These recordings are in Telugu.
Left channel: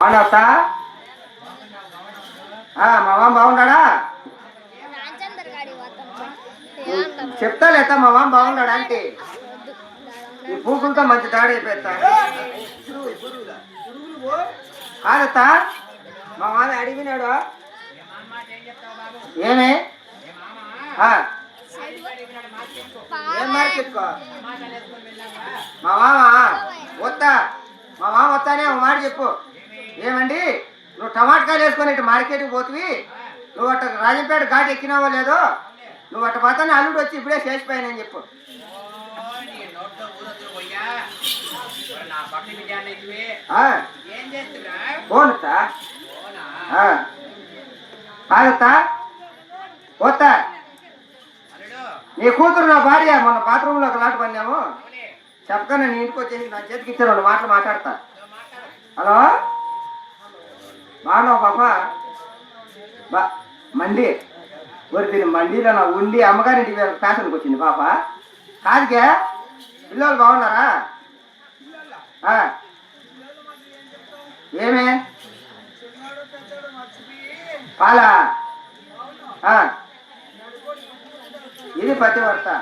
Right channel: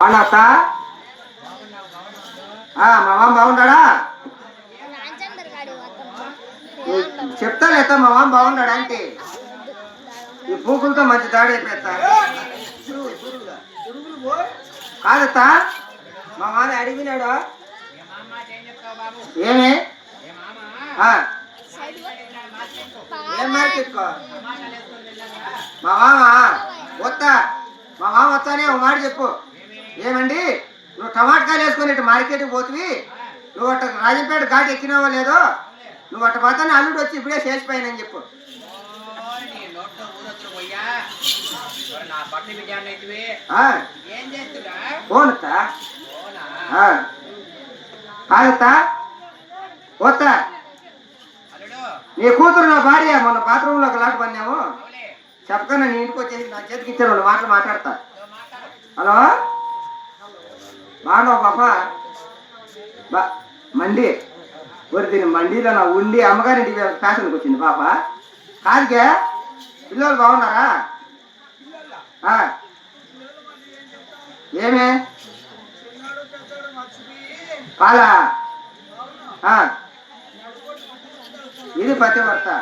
బాగున్నావుతా? మా మామ బాగున్నాడా? చెప్తా లేదా మా మామ బాగున్నాడా అంటే ఈ పూకులతో మంచి దాడి అయిపోతా కాదత్తా. మా మామ అడిగినాడు ఏమే ఏం మార్కెట్కో మా మామ వద్దా? మా మామ వస్తానే ఒక మాట చెప్పు. ఏమండి నువ్వు టమాటకాయలు వేసుకొని ఇటు మార్కెట్కి పోతువి, నువ్వు అట్ట రాజంపేట ఘాట్ ఎక్కినావో లేదో, నువ్వు అట్ట పోతానే అల్లుడు వచ్చి ఇప్పుడే చేసిపోయానని చెప్పు. పోనుతా కాదత్తా పోతా. నీ కూతురు నా భార్య మొన్న బాత్రూంలో ఒక లాట పడినాము చెప్తాను. నీ ఇంటికి వచ్చేసి నా చేతికి ఇచ్చారు, రెండు మాటలు మాట్లాడతా. హలో బాగున్నావు పాప? మండి ఊరి దీని మండీలో నా ఉండి అమ్మగారింటికి ఫ్యాషన్కి వచ్చింది పాప. కాదుకే పిల్లలు బాగున్నారా? ఏమే పాలా ఇది పత్తి పడతా.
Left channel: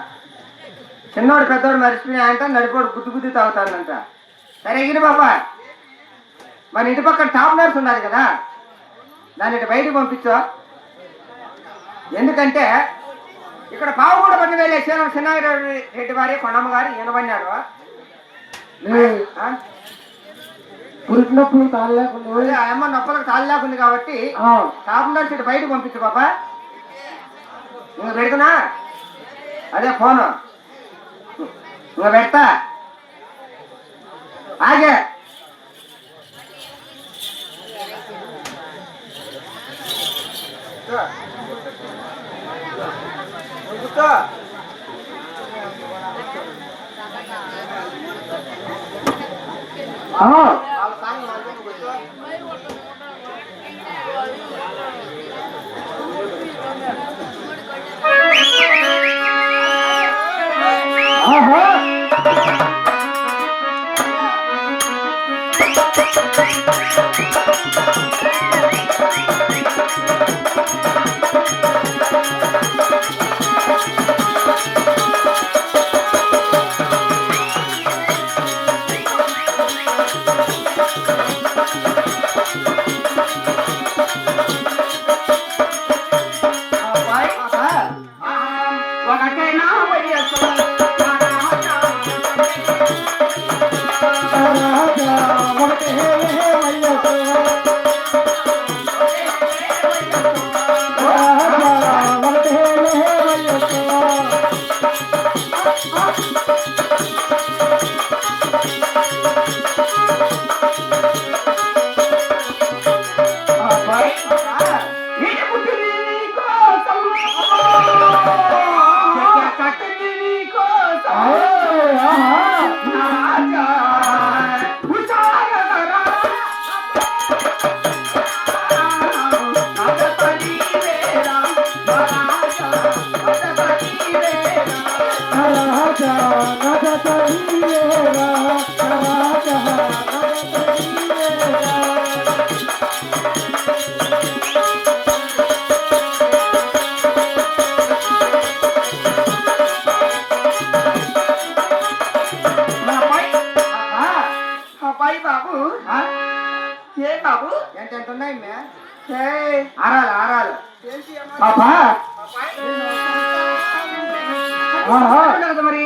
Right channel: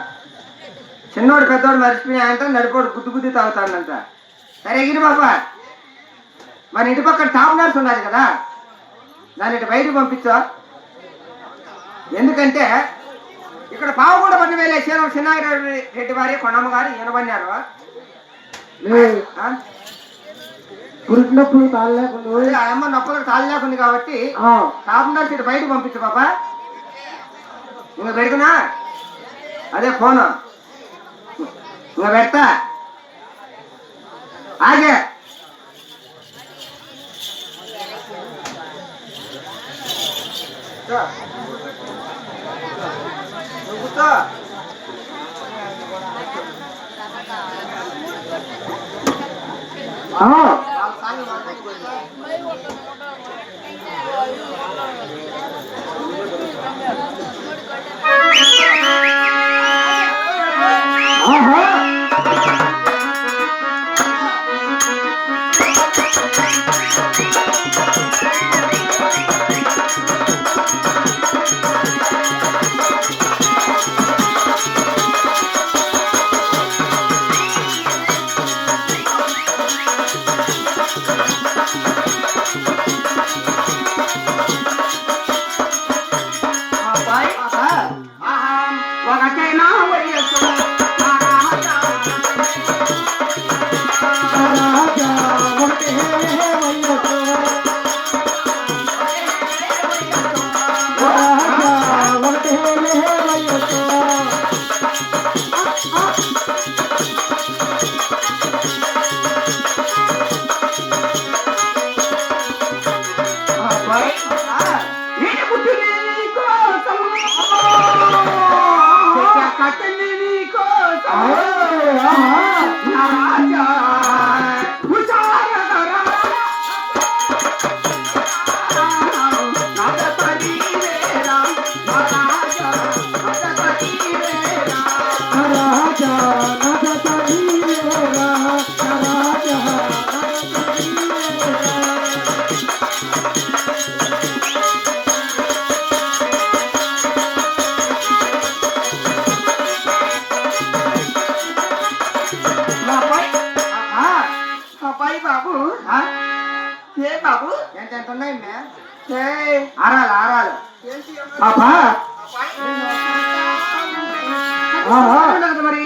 చిన్నోడు పెద్దోడు మర్చిపోయాయంట, నడిపోడు గుద్దు గుద్ది తాగుతాడంట. సరే ఎగిరి బాబా, మన ఇంటి పక్కన టాప్ నర్స్ ఉన్నది కదా, దాన్ని ఇటు బయటకు పంపించు. ఎందుకంటే ఇక్కడ పావుగూడ పని వేలే చిన్నారెడ్డి రెడ్డి వారి కొనమ్మ గారు ఈయనమన్నారు. పురికినప్పుడు తాళ లేకుండా అమ్మ నొప్పులకు తాళ లేకుంది కాబట్టి టాప్ నర్స్ ఇటు బయటకు పంపించు బాబా. నువ్వు పెడుతున్నా అదే ఫోను నువ్వు పెడతా ఆగే.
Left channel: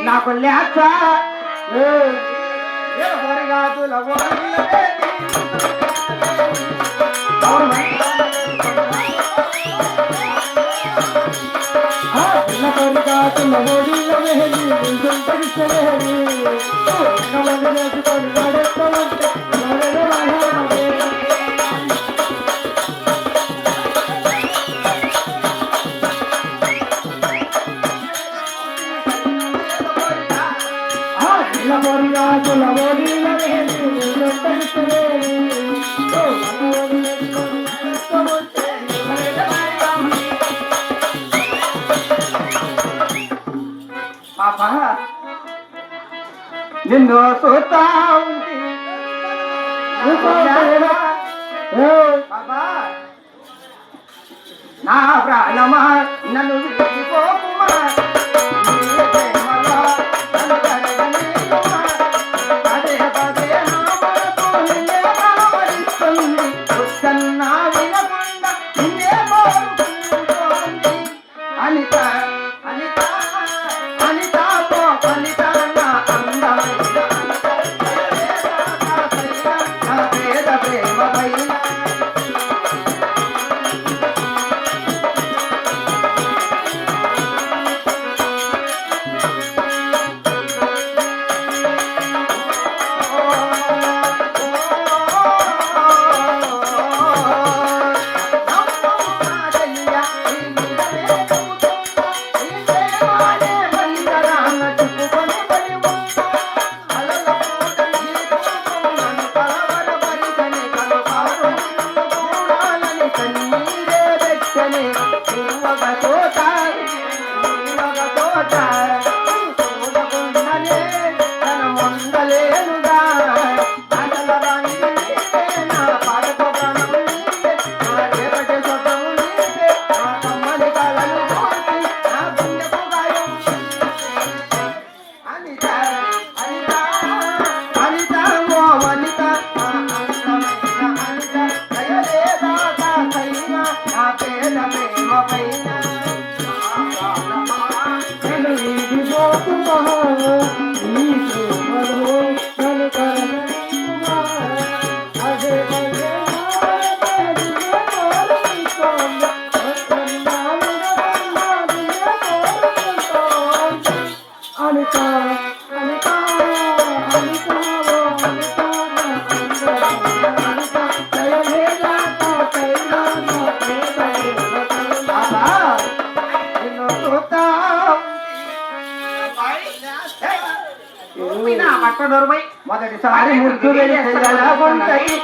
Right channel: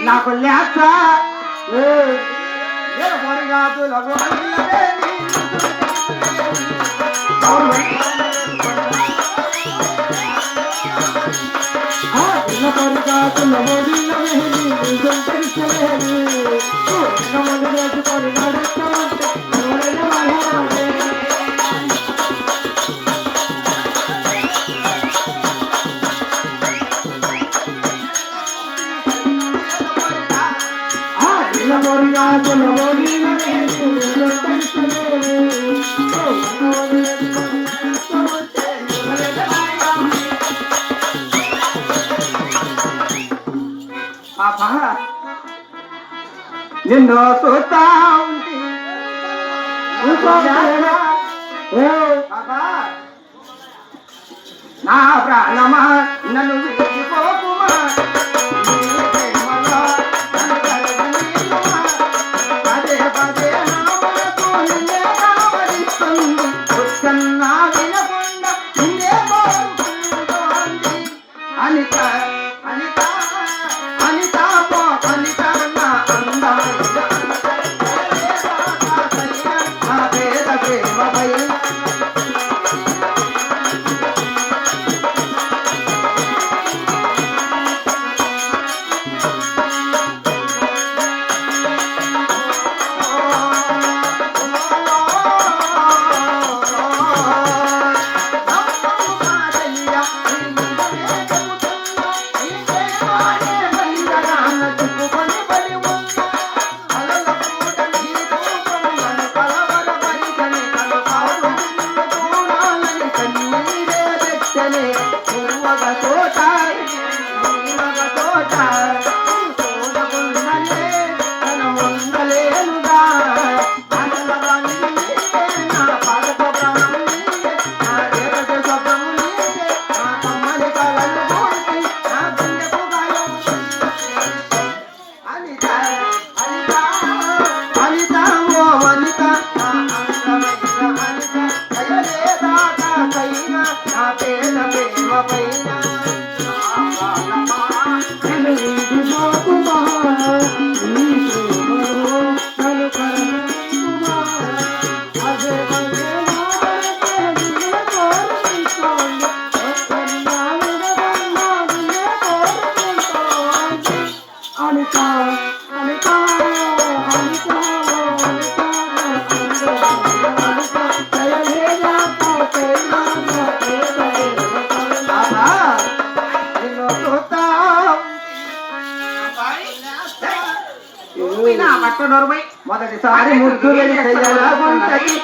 నాకు లేక నిన్ను చూస్తా నా ప్రాణమా నన్ను విడిచిపోకుమా నీ ప్రేమలో నన్ను కలగనీయుమా. పదే పదే నా మనసు నిన్నే కలవరిస్తుంది. కన్నా వినకుండా నిన్నే కోరుకుంటోంది. అనిత అనిత అనిత పో అనిత నా అందమైన నా పేద ప్రేమపై మొదటిసారి ముగ్గురు ఉంటది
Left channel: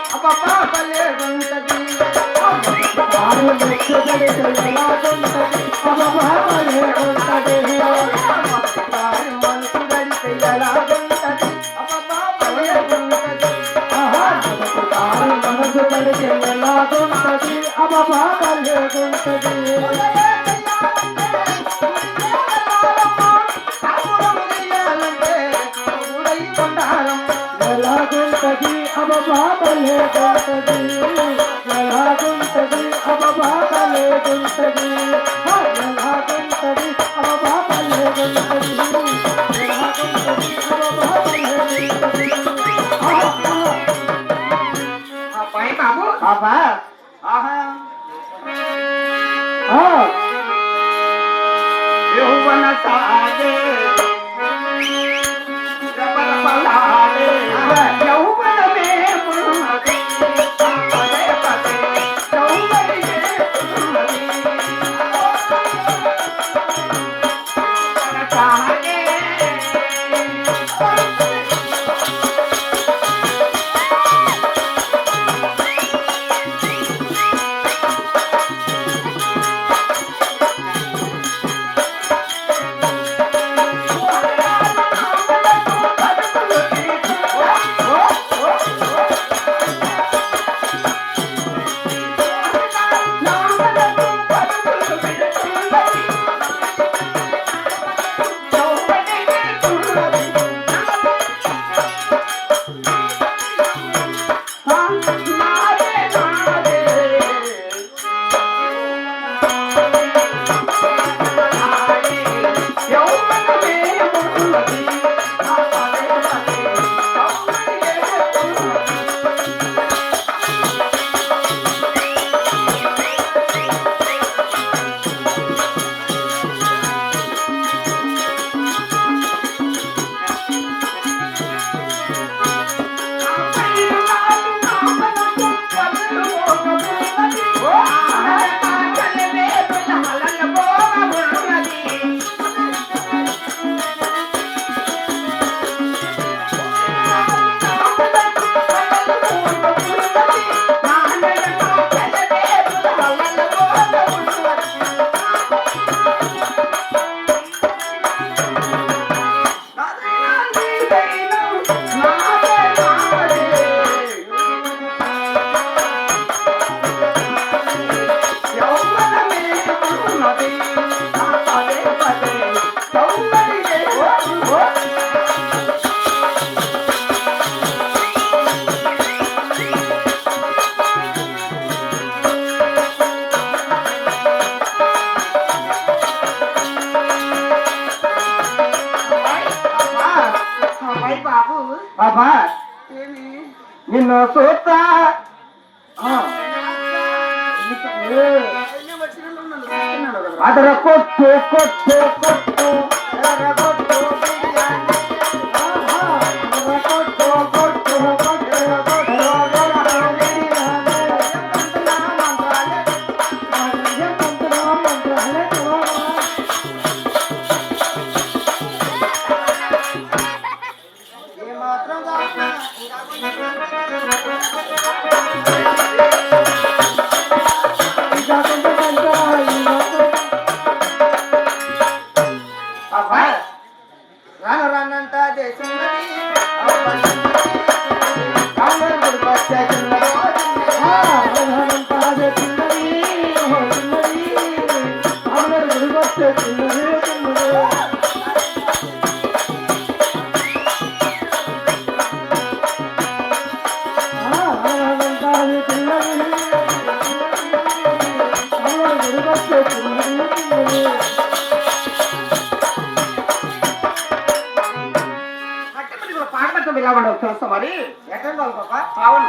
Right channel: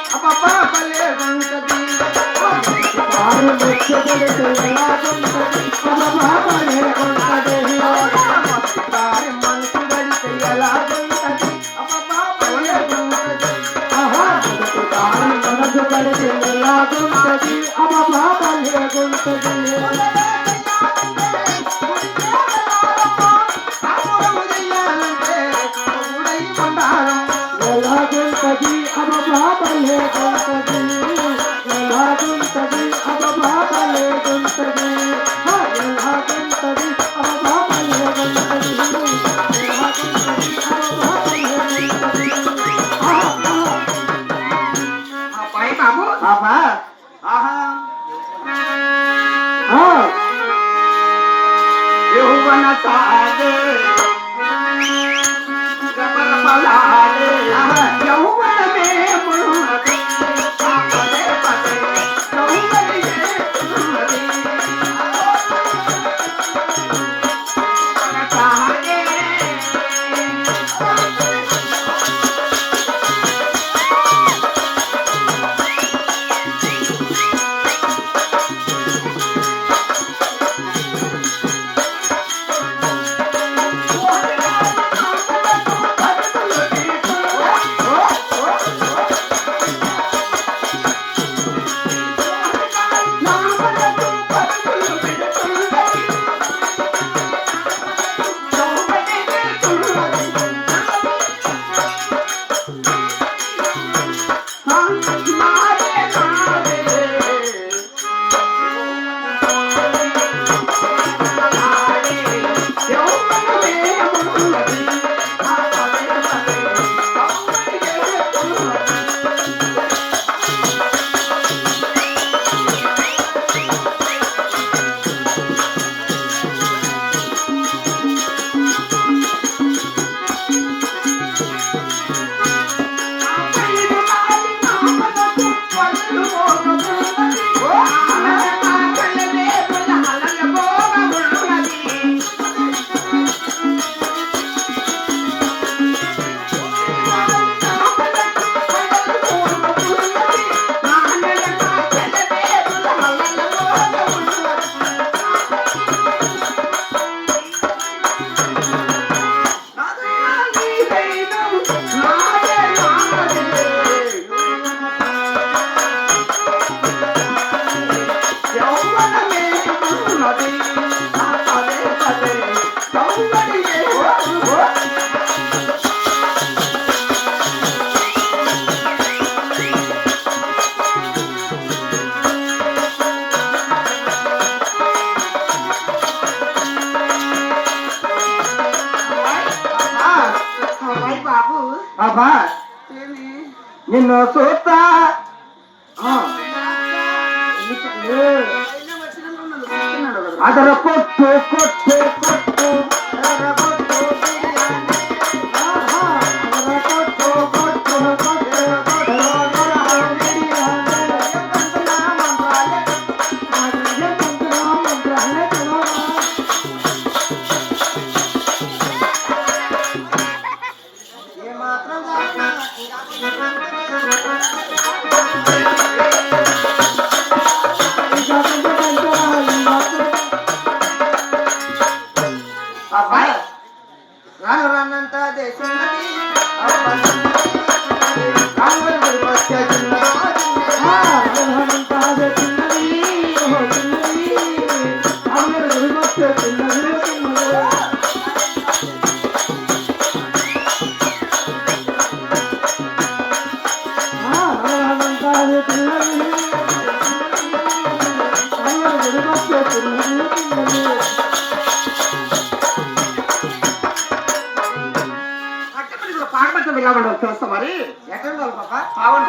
చూస్తా మరి ఎక్కడ వాళ్ళు పాప అవును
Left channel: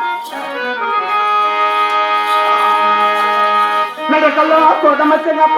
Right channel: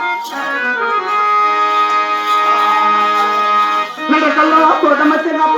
నడకల్లో తోటమచ్చగా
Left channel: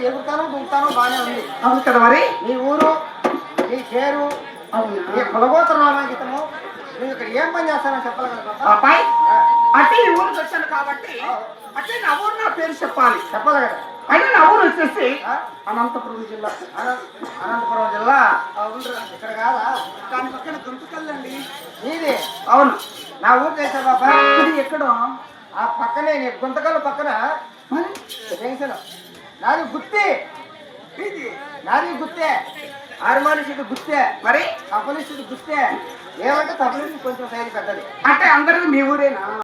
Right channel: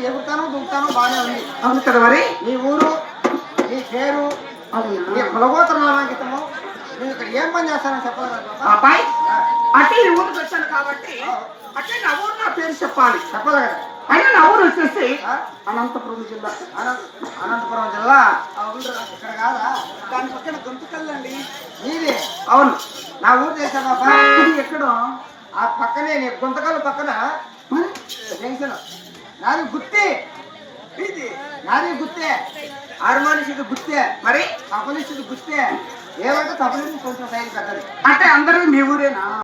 ఎగురుతాను దుంకుతాను బాగానే ఉంది. అవును కదా మరి నీ ఊరు నీ పేరు నీ కులగోత్ర నామాంకితము నేను ఇక్కడ ఏం పని చేస్తానో చెప్పగలరా అబ్బాయి? అంటే ఈ ఊరికి వచ్చాను కాబట్టి అంటే నా ఊరు నా పేరు చెప్పాలి చెప్పగలరా? అయినా నా ఊరు వచ్చేసి అనంతపురం జిల్లా. అనంతపురం జిల్లా ఇక్కడ కాదా? దాని పక్కన గుంతకల్లండి నీది. అవును నా ఊరు చేసా బాబా. ఇది ఎక్కడ? ఆ పక్కనే నీ గుంతకల్ పక్కన జంక్షన్. నాది గుత్తే నాది గుత్తే హార్మోనిస్ట్ గుత్తే మరి తపలిస్ట్ గుత్తే ఏమంటే తపలిస్ట్ కొంచెం శైలి పెద్దది అంటే అందరూ మీ ఊరేనా?